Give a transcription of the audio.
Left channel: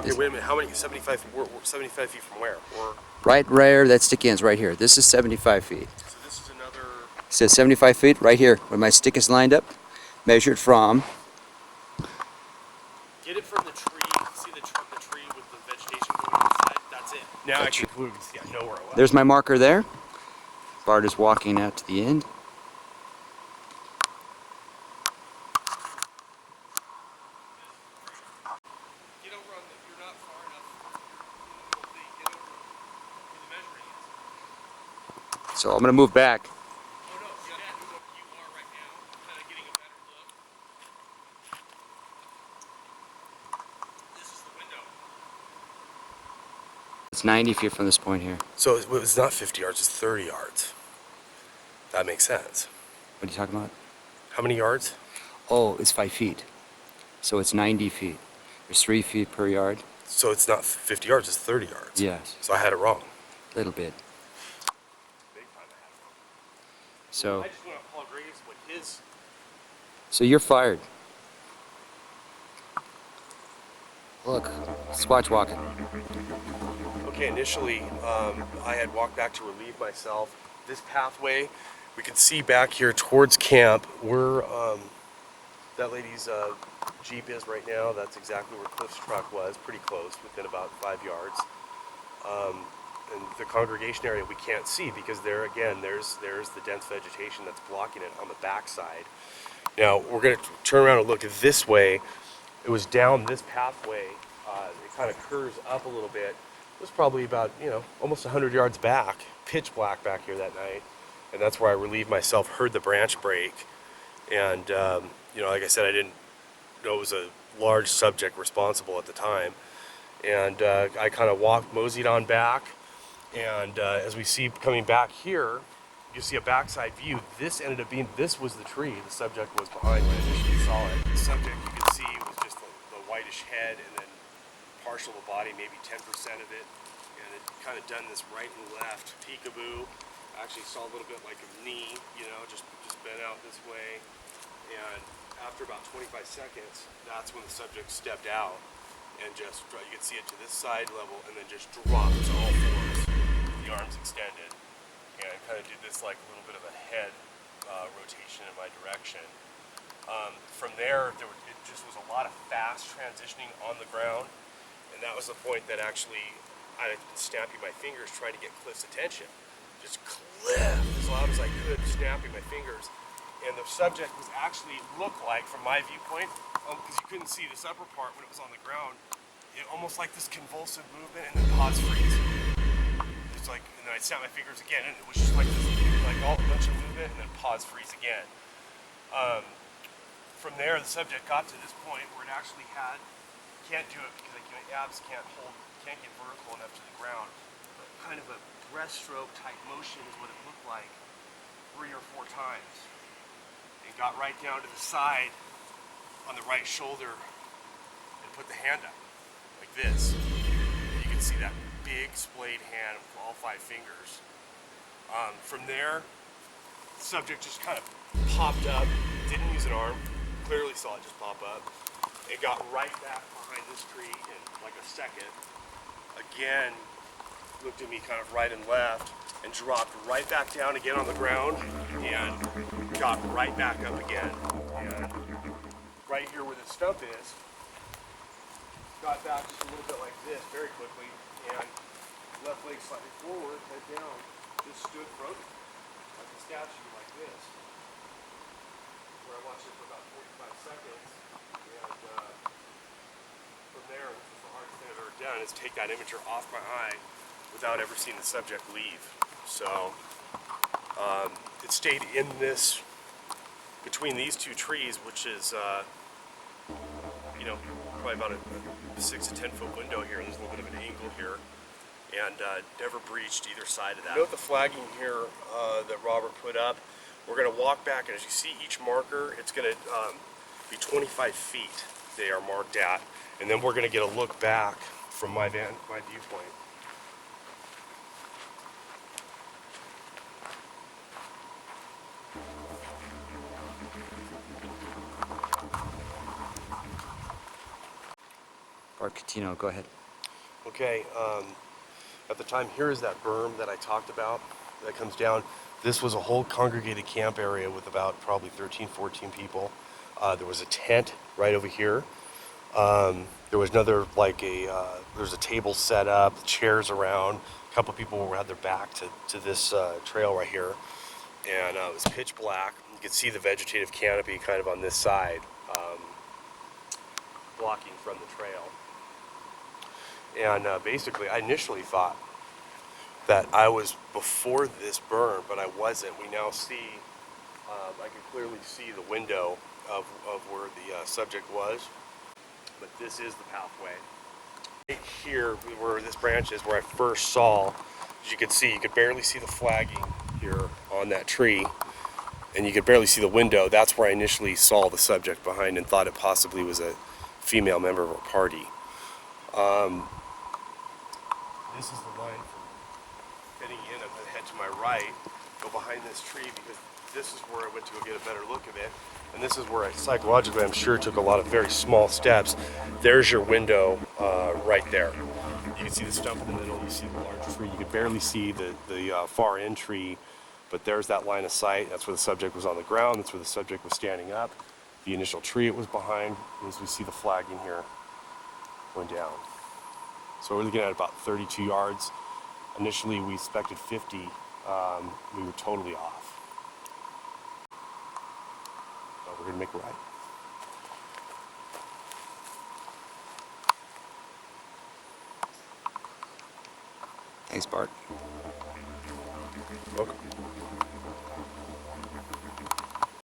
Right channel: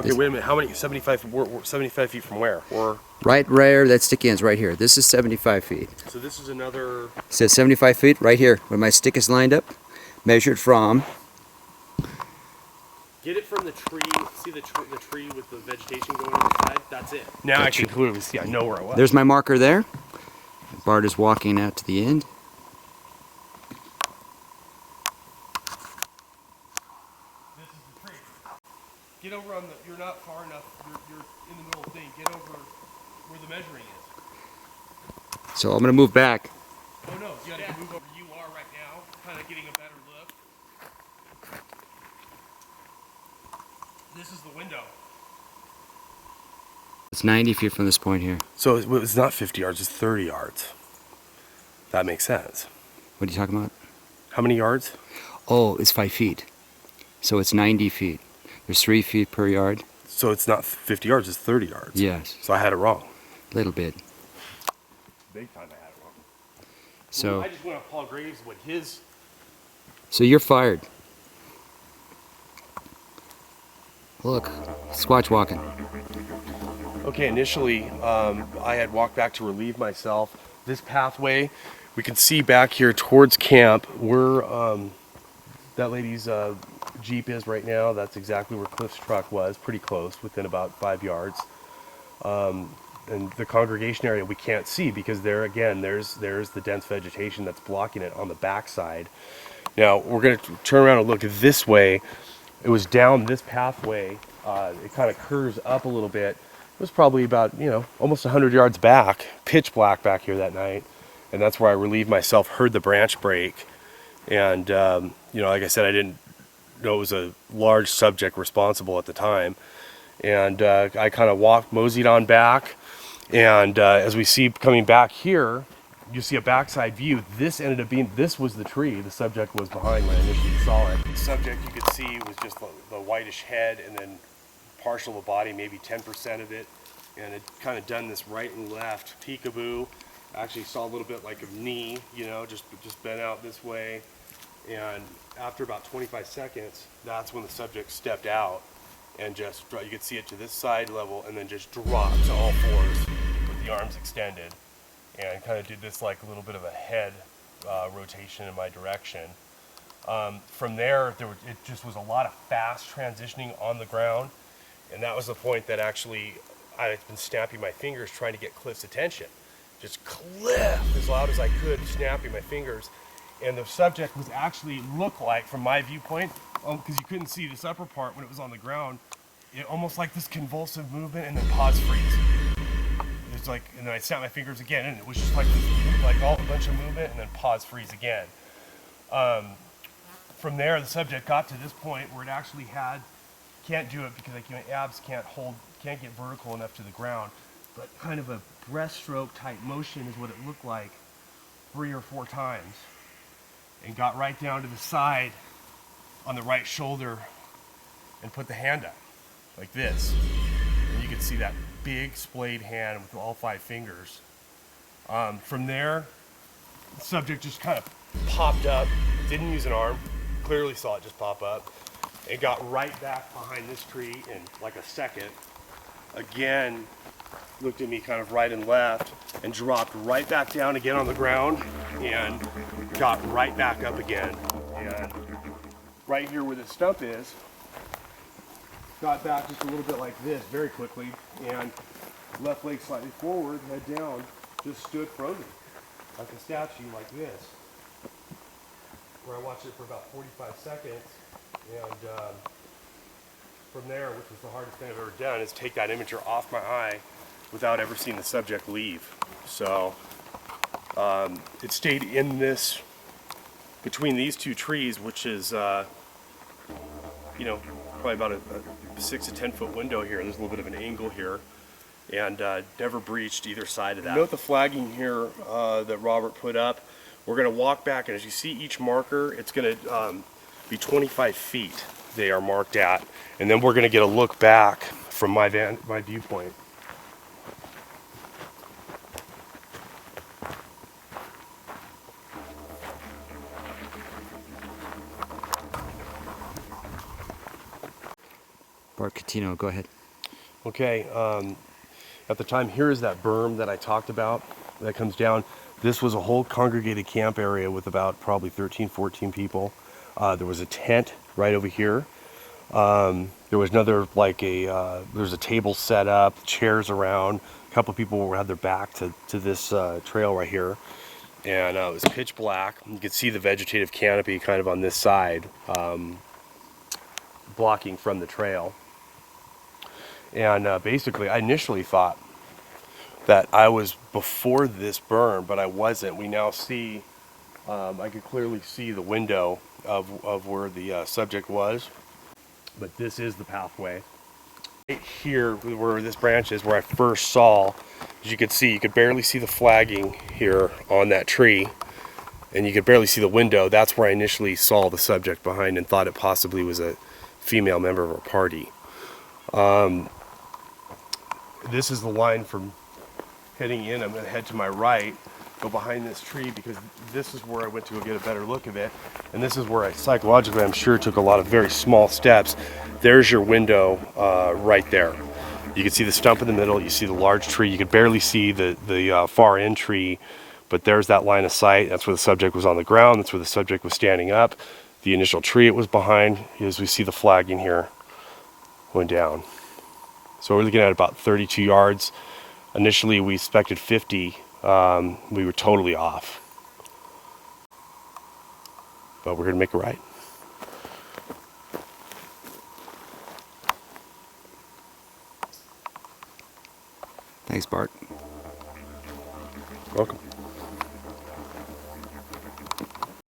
Okay, wait a minute. How many? 75. We're 75 feet from where? Or Right where that stick ends, right here. This is 75 feet. so this is another. It says 75 feet right here, where my stick is lined up. Measured from. Get it from the tree. See the tree with the vegetation going on the side? That's it. Now I can clearly see. I know where I was. There's my marker there. Bart is walking out to the end. This is the tree. Get over on the. You're not far enough. You're in the middle of the thing. Get over where the measuring is. So I'm going to move back. Oh no, you gotta move over. You are right now, kind of getting a better look. This is the window. It's 90 feet from this point here. So it's not 50 yards, it's 30 yards. That makes sense. What are you talking about? How many yards? Oh, it's 5 feet. So it's 90 feet. There's 3 feet per yard. So it's not 50 yards, it's 30 yards. Yes. So I had it wrong. A little bit. Big time I had it wrong. So Well, I just went off Paul Graves, what his... So you're fired. Look, squatch walking. Okay, initially I had walked back to relieve myself. This pathway, we can see back here towards camp where that lady's Jeep is right now. That's exactly where Cliff's truck was, pretty close, within about 5 yards. And the congregation area we can't see because there again, there's the dense vegetation that's blocking it on the backside. Now we're going to turn around and look this way. It was down this pathway. It kind of curves up a little bit. It was probably about, almost 100 yards back, pitch black back here that night. And that's where I relieved myself, heard the branch break. And, like I said, I didn't know it was a large subject responsible at the time. And I kind of moseyed on back. And as we see coming back here, you see a backside view. This ended up being, this was the tree the subject was behind when I initially saw it. The subject you could see was just the whitish head and then partial of the body, maybe 10% of it. And it kind of done this right and left peekaboo. Actually saw a little bit like a knee, just bent out this way. And after about 25 seconds, that's when the subject stepped out and just, you could see it to this side level and then just dropped to all fours with the arms extended. And kind of did this like a little bit of a head rotation in my direction. From there, it just was a lot of fast transitioning on the ground. And that was the point that actually I had been snapping my fingers trying to get Cliff's attention. Just Cliff as loud as I could, snapping my fingers. And the subject was actually looked like, from my viewpoint, because you couldn't see this upper part when it was on the ground, it almost like this convulsive movement and then pause freeze. It's like, and then I snapped my fingers again, and it was just like this, like a bunch of movement and then pause freeze again. From there, the subject got to this point where it actually can't do it because my abs can't get vertical enough to the ground, but kind of a breaststroke type motion is what it looked like 3 or 4 times, and got right down to the side on the right shoulder and put the hand up like this, and you could see that big splayed hand with all 5 fingers. From there, the subject just kind of popped up, didn't use an arm, clearly saw it just pop up. It got right back behind this tree in like a second. Again, looked at me kind of right and left and dropped right back down again on the ground and got right back up again. And right here where the stump is, got back just a little bit like this very quickly, and left leg slightly forward, head down, just stood frozen like a statue like this, where I watched it for about 45 seconds. And from there, which was the hardest thing I've ever done, is take that imager off my eye without ever seeing the subject leave. So it stayed in this, between these 2 trees, which is probably about a 6 to 10 foot window here. There's a little bit of an angle here, and never breached either side of that. Note the flagging here that Robert put up. We're going to walk back, and as you see each marker, it's going to be 25 feet they are marked at, and then we're going to get a look back from my viewpoint. Bart, Cutino, go ahead. Okay, at the time, here is that berm that I talked about that comes down. This was a whole congregated camp area with about probably 13, 14 people. There was a tent right over here. There was another, there's a table set up, chairs around. A couple people had their back to this trail right here. And it was pitch black. You could see the vegetative canopy kind of on this side, blocking from the trail. And basically, I initially thought that I was before this berm, but I wasn't. We now see, I could clearly see the window of where the subject was, but this is the pathway. Right here, where this branch is, where I first saw, as you could see, you could barely see the flagging here on that tree, and you could barely see the window. That's where I initially saw the subject behind and thought it possibly was a female member of a party. This is the line from heading in. I'm going to head to my right, go behind this tree, because this is where I went to go get a better look of it. And this is where I psychologically, I'm sure, took a lot of very small steps. There's your window right there. You can see the stump in the middle. You see the large tree. You could barely see the far end tree, but there's that line of sight. That's where the subject was on the ground. That's where the subject was standing up. The initial tree it was behind, as we see the flagging here going down. So we're looking at about 32 yards. Initially, we expected 50. We were totally off. But we're going to make it right. Thanks, Bart. Welcome.